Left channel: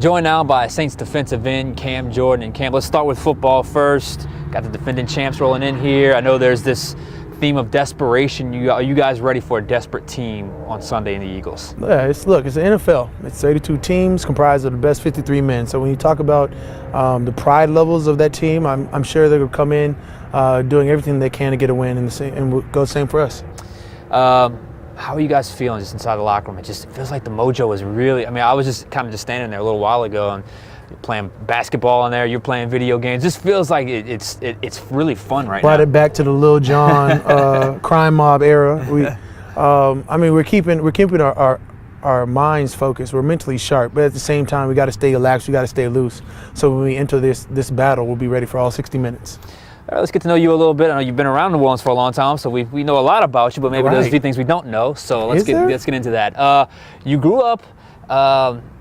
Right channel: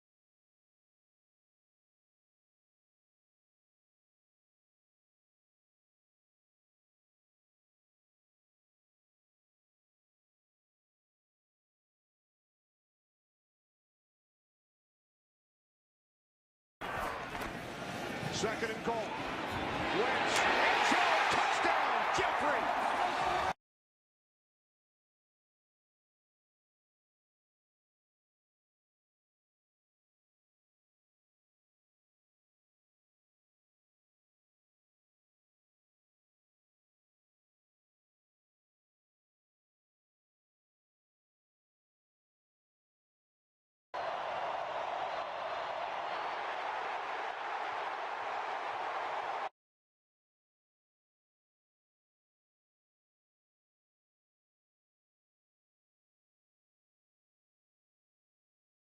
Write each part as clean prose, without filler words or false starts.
Joined now by Saints defensive end Cam Jordan. And Cam, let's start with football first. Got the defending champs rolling in here. I know there's this theme of desperation. Are you guys ready for a desperate team on Sunday in the Eagles? Yeah, it's the NFL. It's 32 teams comprised of the best 53 men. So when you talk about the pride levels of that team, I'm sure they're going to come in doing everything they can to get a win, and go the same for us. How are you guys feeling just inside the locker room? It feels like the mojo is really, I was just kind of standing there a little while ago and you're playing basketball in there, you're playing video games. This feels like it's really fun right now. Brought it back to the Lil Jon crime mob era. We're keeping our minds focused. We're mentally sharp, but at the same time, we got to stay relaxed. We got to stay loose. So when we enter this battle, we'll be ready for all 60 minutes. All right, let's get to know you a little bit. I know you've been around New Orleans for a long time, so we know a lot about you, but maybe there's a few things we don't know. So let's get into that. You grew up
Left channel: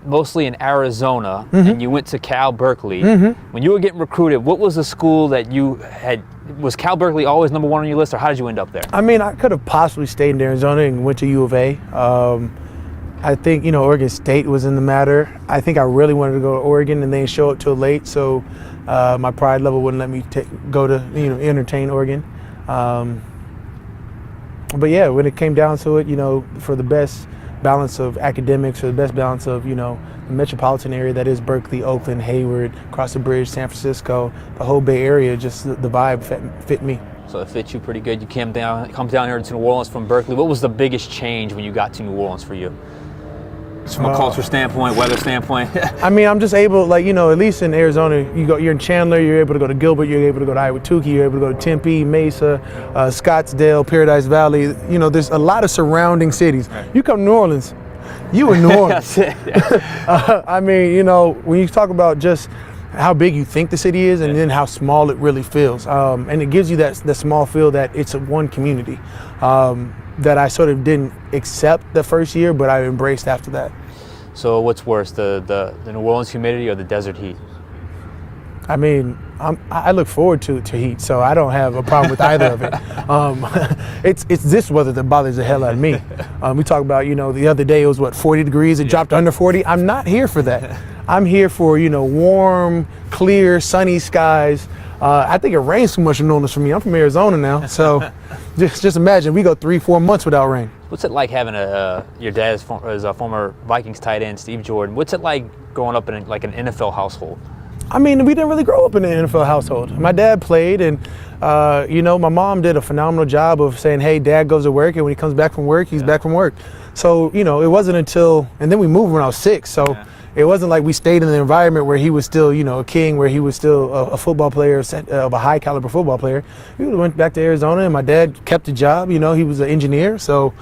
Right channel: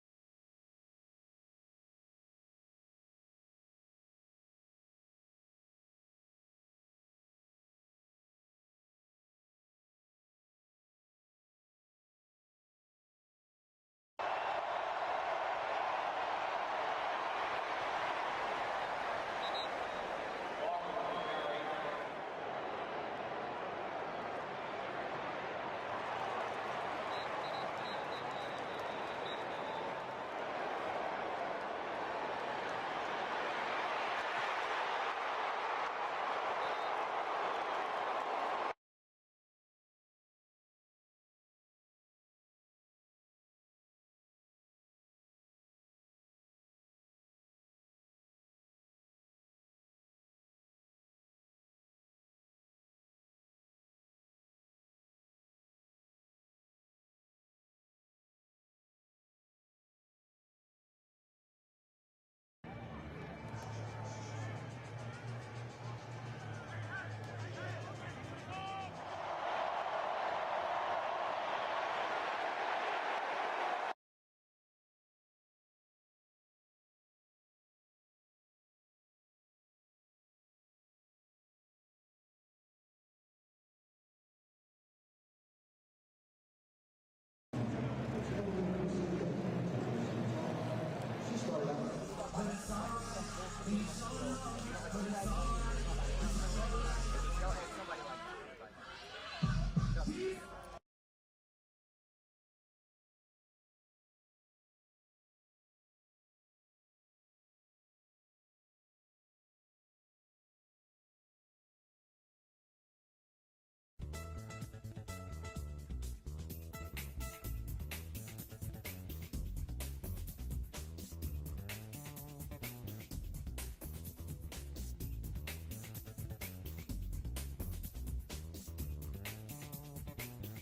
mostly in Arizona, and you went to Cal Berkeley. When you were getting recruited, what was the school that you had? Was Cal Berkeley always number one on your list, or how did you end up there? I could have possibly stayed in Arizona and went to U of A. I think, Oregon State was in the matter. I think I really wanted to go to Oregon and they didn't show up till late, so my pride level wouldn't let me go to, entertain Oregon. But yeah, when it came down to it, for the best balance of academics, for the best balance of, the metropolitan area that is Berkeley, Oakland, Hayward, across the bridge, San Francisco, the whole Bay Area, just the vibe fit me. So it fit you pretty good. You come down here to New Orleans from Berkeley. What was the biggest change when you got to New Orleans for you? Just from a culture standpoint, weather standpoint. I'm just able, at least in Arizona, you're in Chandler, you're able to go to Gilbert, you're able to go to Iwatuki, you're able to go to Tempe, Mesa, Scottsdale, Paradise Valley. There's a lot of surrounding cities. Right. You come to New Orleans, you in New Orleans. That's it. When you talk about just how big you think the city is and then how small it really feels. And it gives you that small feel that it's one community. That I sort of didn't accept the first year, but I embraced after that. So what's worse, the New Orleans humidity or the desert heat? I look forward to heat, so I don't have a problem with either of it. It's this weather that bothers the hell out of me. We talk about, the other day it was 40 degrees, it dropped to under 40. I'm not here for that. I'm here for, warm, clear, sunny skies. I think it rains too much in New Orleans for me. I'm from Arizona now, so just imagine we go 3-4 months without rain. What's it like having your dad is a former Vikings tight end, Steve Jordan? What's it like growing up in an NFL household? We didn't really grow up in an NFL household. My dad played, and my mom did a phenomenal job of saying, "Hey, Dad goes to work, and when he comes back from work, he's back from work." So it wasn't until, and then we moved when I was 6. So. Yeah. It wasn't like we stayed in an environment where he was still, a king, where he was still a football player, of a high caliber football player. We went back to Arizona, and my dad kept the job. He was an engineer, so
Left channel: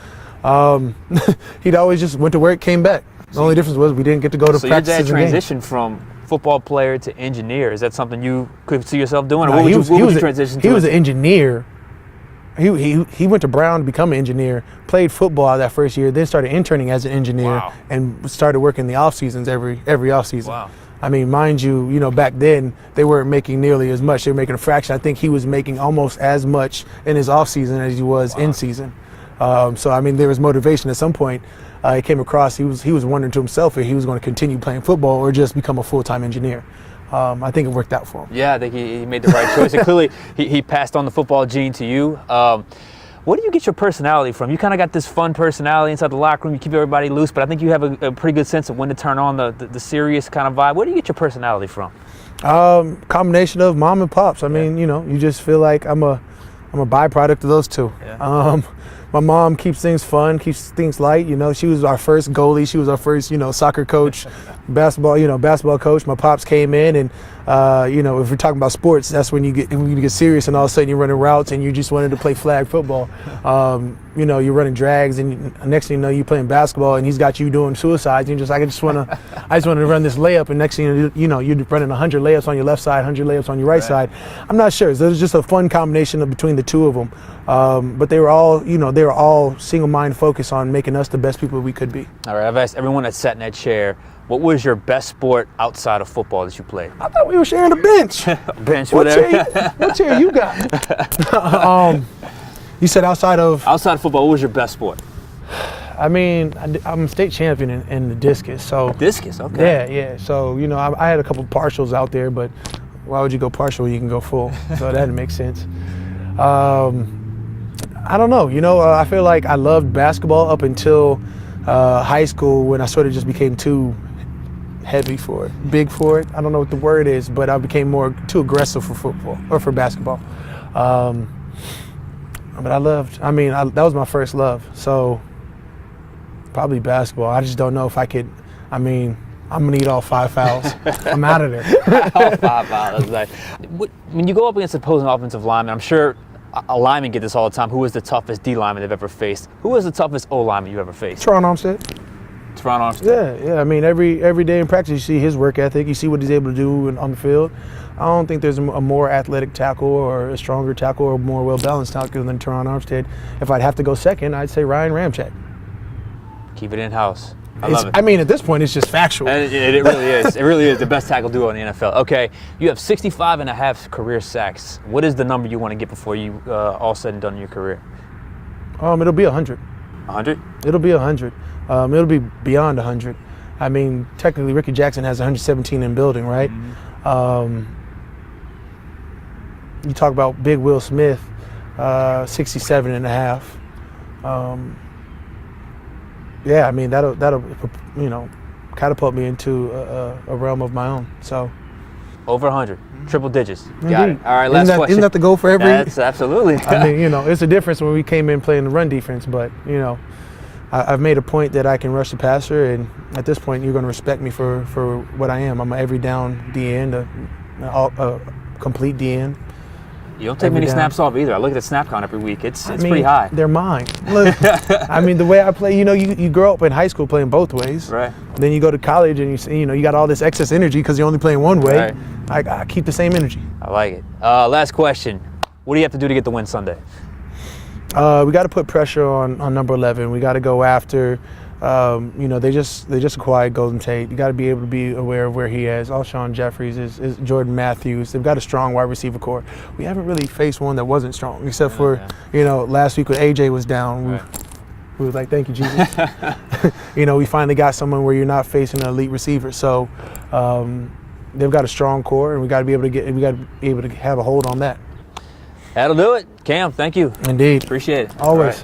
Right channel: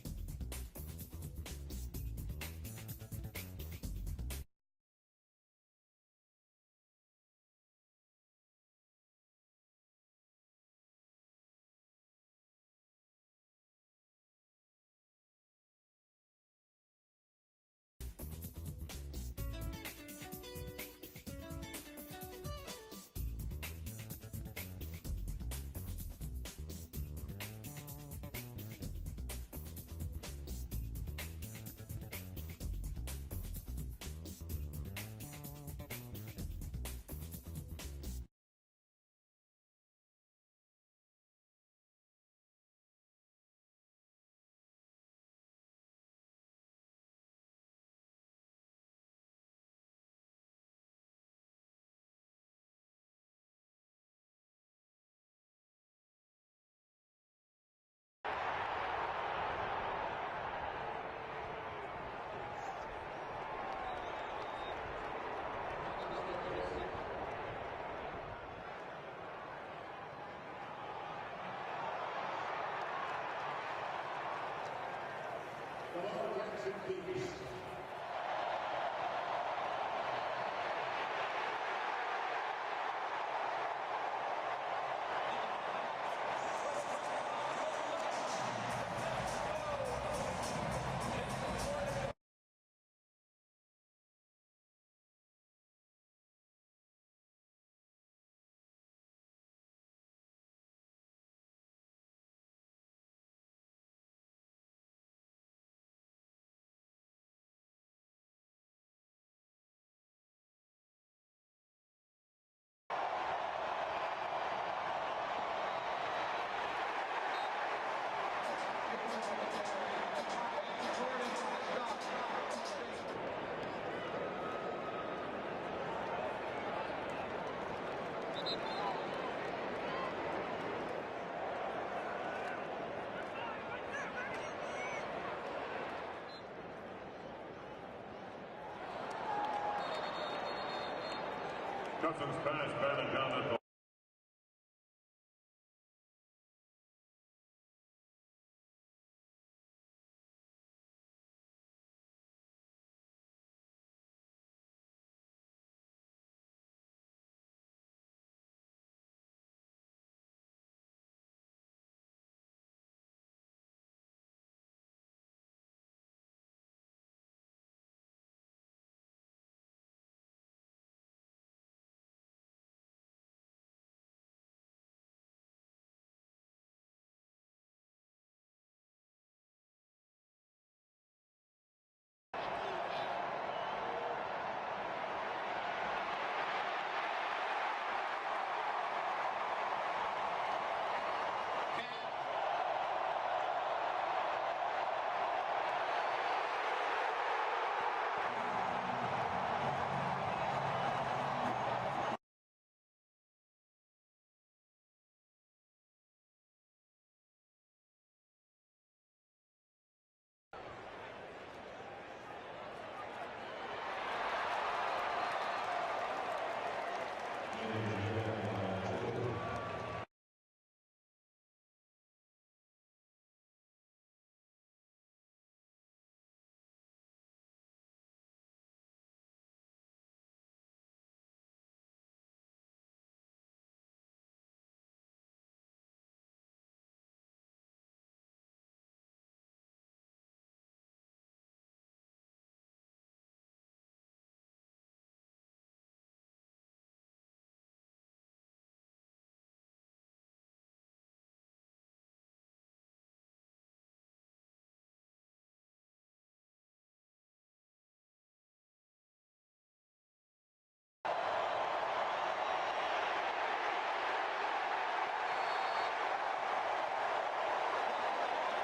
he'd always just went to work, came back. The only difference was we didn't get to go to practices. So your dad transitioned from football player to engineer. Is that something you could see yourself doing? Or what would you transition to? He was an engineer. He went to Brown to become an engineer, played football that first year, then started interning as an engineer, and started working the off seasons every off season. Wow. Mind you, back then they weren't making nearly as much. They were making a fraction. I think he was making almost as much in his off season as he was in season. So there was motivation at some point. It came across. He was wondering to himself if he was going to continue playing football or just become a full-time engineer. I think it worked out for him. Yeah, I think he made the right choice. And clearly, he passed on the football gene to you. Where do you get your personality from? You kind of got this fun personality inside the locker room. You keep everybody loose, but I think you have a pretty good sense of when to turn on the serious kind of vibe. Where do you get your personality from? Combination of mom and pops. You just feel like I'm a byproduct of those two. Yeah. My mom keeps things fun, keeps things light. She was our first goalie. She was our first, soccer coach, basketball coach. My pops came in, and if we're talking about sports, that's when you get serious, and all of a sudden you're running routes, and you just wanted to play flag football. You're running drags, and next thing you know, you're playing basketball, and he's got you doing suicides. And I just want to run this layup, and next thing you're running 100 layups on your left side, 100 layups on your right side. I'm not sure. So it was just a fun combination between the two of them. But they were all single-minded focused on making us the best people we could be. All right, I've asked everyone that sat in that chair, what was your best sport outside of football that you played? I thought we were sharing a bench. Bench, what whatever. What chair you got? You said outside of? Outside of football, what was your best sport? I mean, I'm a state champion in the discus. So discus, okay. Yeah. So I had a couple partials out there, but why would you go partial when you can go full? So that didn't make sense. I don't know. I feel like I loved basketball up until high school when I sort of just became too heavy for it, big for it. I don't know what the word is, but I became too aggressive for football or for basketball. But that was my first love. So probably basketball. I just don't know if I could. I'm gonna need all 5 fouls. I'm out of there. All 5 fouls. That's like, when you go up against opposing offensive linemen, I'm sure a lineman get this all the time. Who is the toughest D lineman they've ever faced? Who is the toughest O lineman you've ever faced? Teron Armstead. Teron Armstead. Yeah. I mean, every day in practice, you see his work ethic. You see what he's able to do on the field. I don't think there's a more athletic tackle or a stronger tackle or a more well-balanced tackle than Teron Armstead. If I'd have to go second, I'd say Ryan Ramczyk. Keep it in-house. I love it. I mean, at this point, it's just factual. It really is. It really is the best tackle duo in the NFL. Okay, you have 65.5 career sacks. What is the number you want to get before you all said and done in your career? It'll be 100. 100? It'll be 100. It'll be beyond 100. I mean, technically, Ricky Jackson has 117 in building, right? Mm-hmm. You talk about Big Will Smith, 67.5. Yeah, I mean that'll catapult me into a realm of my own. So over 100, triple digits. Indeed. Got it. All right, last question. Isn't that the goal for every? That's absolutely. I mean, it's a difference when we came in playing the run defense, but I've made a point that I can rush the passer, and at this point, you're going to respect me for what I am. I'm an every down D end, a complete D end. You don't take many snaps off either. I look at the snap count every week. It's pretty high. They're mine. Look, I mean, the way I play, you grow up in high school playing both ways. Right. Then you go to college and you got all this excess energy because you're only playing one way. Right. I keep the same energy. I like it. Last question. What do you have to do to get the win Sunday? We got to put pressure on number 11. We got to go after. They just acquired Golden Tate. You got to be able to be aware of where he is. Alshon Jeffries is Jordan Matthews. They've got a strong wide receiver core. We haven't really faced one that wasn't strong, except for last week when AJ was down. We were like, thank you, Jesus. We finally got someone where you're not facing an elite receiver. So they've got a strong core, and we got to be able to have a hold on that. That'll do it. Cam, thank you. Indeed. Appreciate it. Always.